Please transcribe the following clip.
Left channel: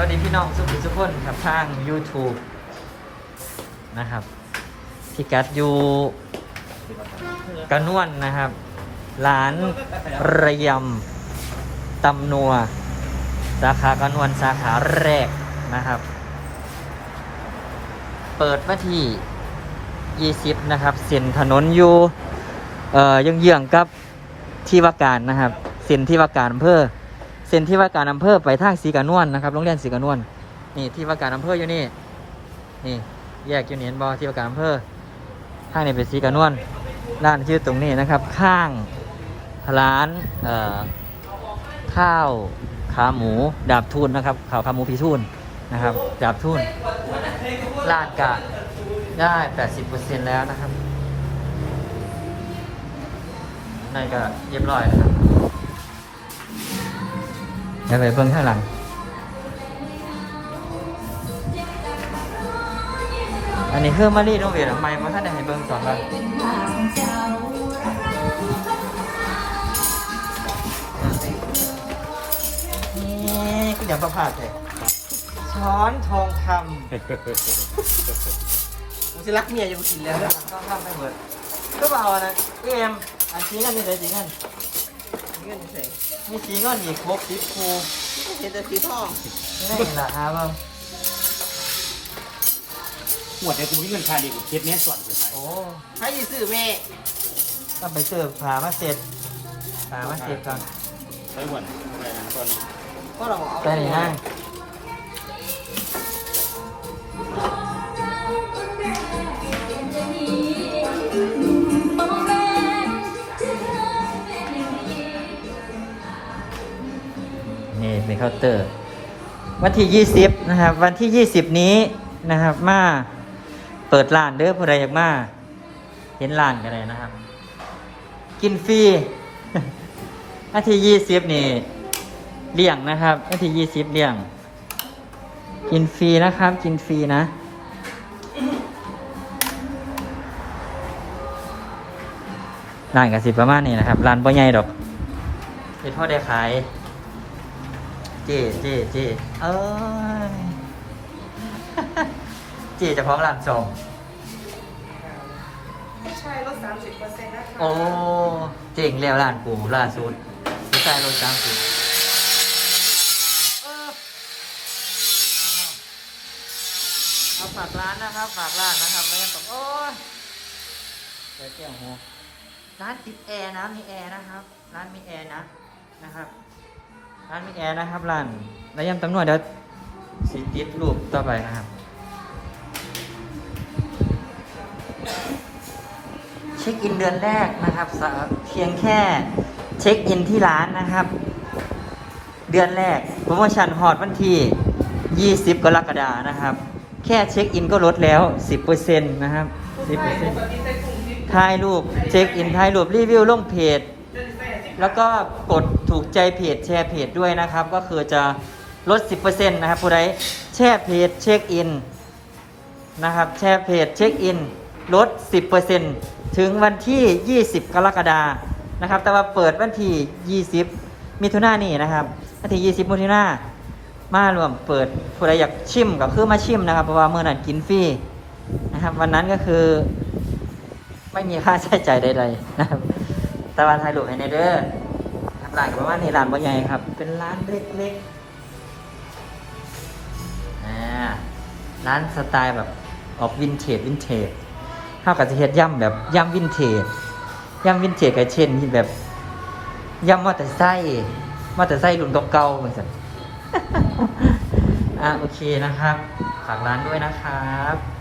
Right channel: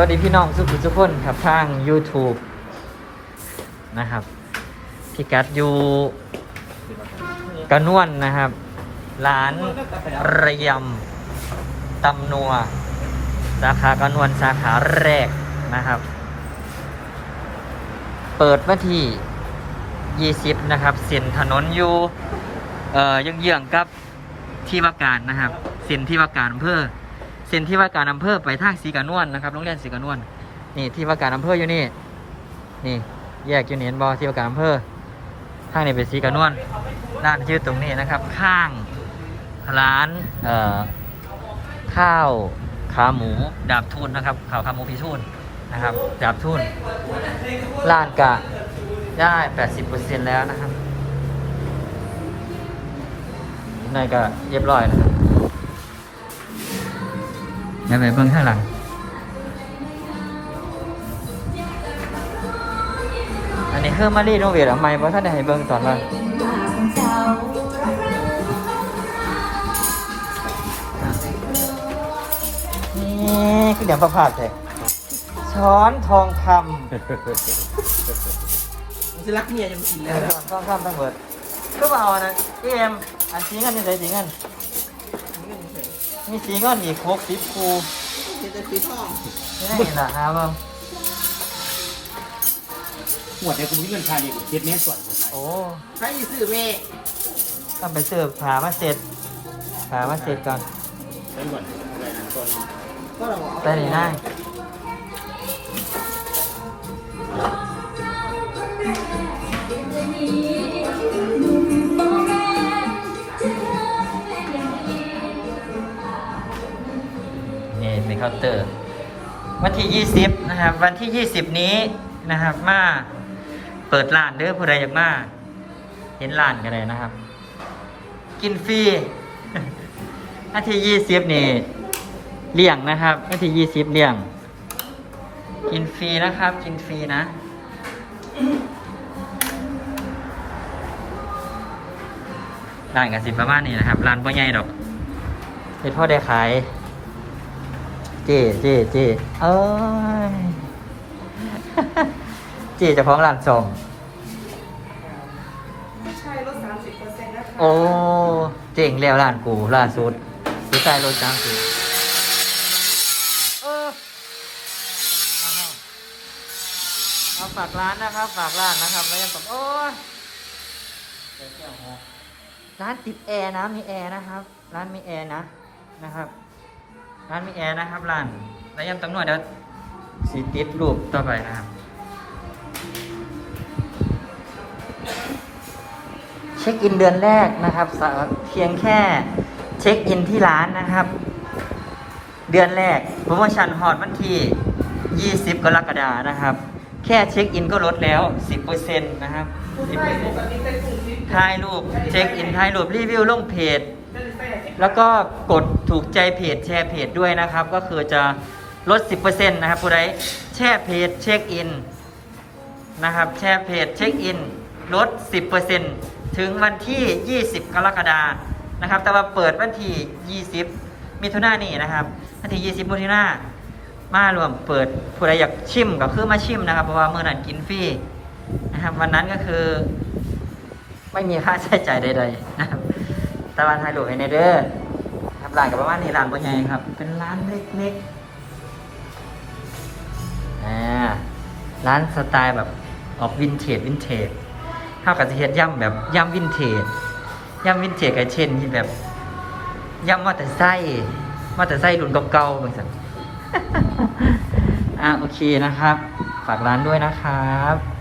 สวัสดีพี่น้องทุกทุกคนครับทาง YouTube นะครับพี่กัดอยู่กระนวนนะครับร้านระยำตำนัวสาขากระนวนสาขาแรกนะครับ เปิดวันที่ 20 นะครับเส้นถนนอยู่เอ่อยังเยื้องกับที่ว่าการนะครับเส้นที่ว่าการอำเภอ เส้นที่ว่าการอำเภอไปทางสีกานวลนะครับโรงเรียนสีกานวลนี่ที่ว่าการอำเภออยู่นี่นี่แยกอยู่นี่เห็นบอที่ว่าการอำเภอข้างนี้เป็นสีกานวลด้านที่อยู่ตรงนี้นะครับ ข้างร้านเอ่อข้าวขาหมูดาบทุนนะครับข้าวขาหมูพีทุนนะครับดาบทุนร้านกะได้80%แล้วนะครับนั่นก็เรียบร้อยนะครับ เดี๋ยวไปเบิ้งข้างหลัง อันนี้คือมารีโนเวทอะไม่เพราะท่านได้ให้เบิ้งตอนนั้นนี่คือเดี๋ยวประพาสเลยช้อนทองคผมจะรักเมียยังกินำเลยนะทองคำทั้งหมดก็มาเอานะพี่เอ็มอันสีกันนี่ใส่สีกัน เงินเฉยมีสีก้อนอีกครบสิบคูเห็นแต่สีทองนี่ได้เห็นเหรอฮะมั้งหมวดเนี่ยกูมีเงินค่าดีกูเจ็ดเมตรส่วนกูใส่โอ้ใครสิซื้อแม่ต้องไปเสิร์ฟผามาเสร็จผามาเสร็จก่อนใช้หมวดอะไรนะตอนก็เราเอาแต่นี่นะ นี่เป็นเตอร์ วันที่ 20 นะครับ วันที่ 20 นี้นะครับ มาเปิดร้านเด้อผู้ใดอยากมาเห็นร้านกันเลยนะครับ กินฟรีวันทียี่สิบนี่เลี่ยงนะครับวันทียี่สิบเลี่ยง กินฟรีนะครับ กินฟรีนะร้านกันสิประมาณนี้นะครับร้านบ่ใหญ่ดอกเป็นพ่อได้ขาย เจ๊เจ๊เจ๊เอ้ยเจ๊เจะพร้าของร้านส่งใช่ลดสามสิบเปอร์เซ็นต์นะคะโอ้เจ๋งแล้วร้านกูล่าสุดดีใจรถจังสิเออเอาฝากร้านนะครับ ฝากร้านนะครับแล้วยังตบโอ้ยร้านติดแอร์นะมีแอร์นะครับ ร้านมีแอร์นะนะครับ ร้านมีแอร์นะครับร้านแล้วยังตำรวจเดี๋ยวสิติดรูปต่อไปนะครับ เช็คอินเดือนแรกนะครับสะเพียงแค่เช็คอินที่ร้านนะครับ เดือนแรกโปรโมชั่นฮอตวันที่ 20 กรกฎานะครับ แค่เช็คอินก็ลดแล้ว 10%นะครับใช่ปกติเป็นกลุ่มที่10ถ่ายรูปเช็คอินถ่ายรูปรีวิวลงเพจเป็น แล้วก็กดถูกใจเพจแชร์เพจด้วยนะครับ ก็คือจะลด 10%นะครับผู้ใดแชร์เพจเช็คอินนะครับ แชร์เพจเช็คอินลด 10%ถึงวันที่ 20 กรกฎานะครับ แต่ว่าเปิดวันที่ 20 มิถุนายนนี่นะครับ วันที่ 20 มิถุนายนมารวมเปิดผู้ใดอยากชิมก็คือมาชิมนะครับ เพราะว่าเมื่อนั้นกินฟรีนะครับ วันนั้นก็คือไม่มีค่าใช้จ่ายใดๆนะครับ ตะวันไทยหลวงไฮเนเดอร์ครับร้านกับประมาณนี้ร้านบะใหญ่ครับเป็นร้านเล็กๆอ่าร้านสไตล์แบบออกวินเทจวินเทจเท่ากับจะเฮ็ดย่ำแบบย่ำวินเทจย่ำวินเทจกับเช่นที่แบบย่ำมอเตอร์ไซค์มอเตอร์ไซค์รุ่นเก่าๆเหมือนกันอ่าโอเคนะครับ ฝากร้านด้วยนะครับ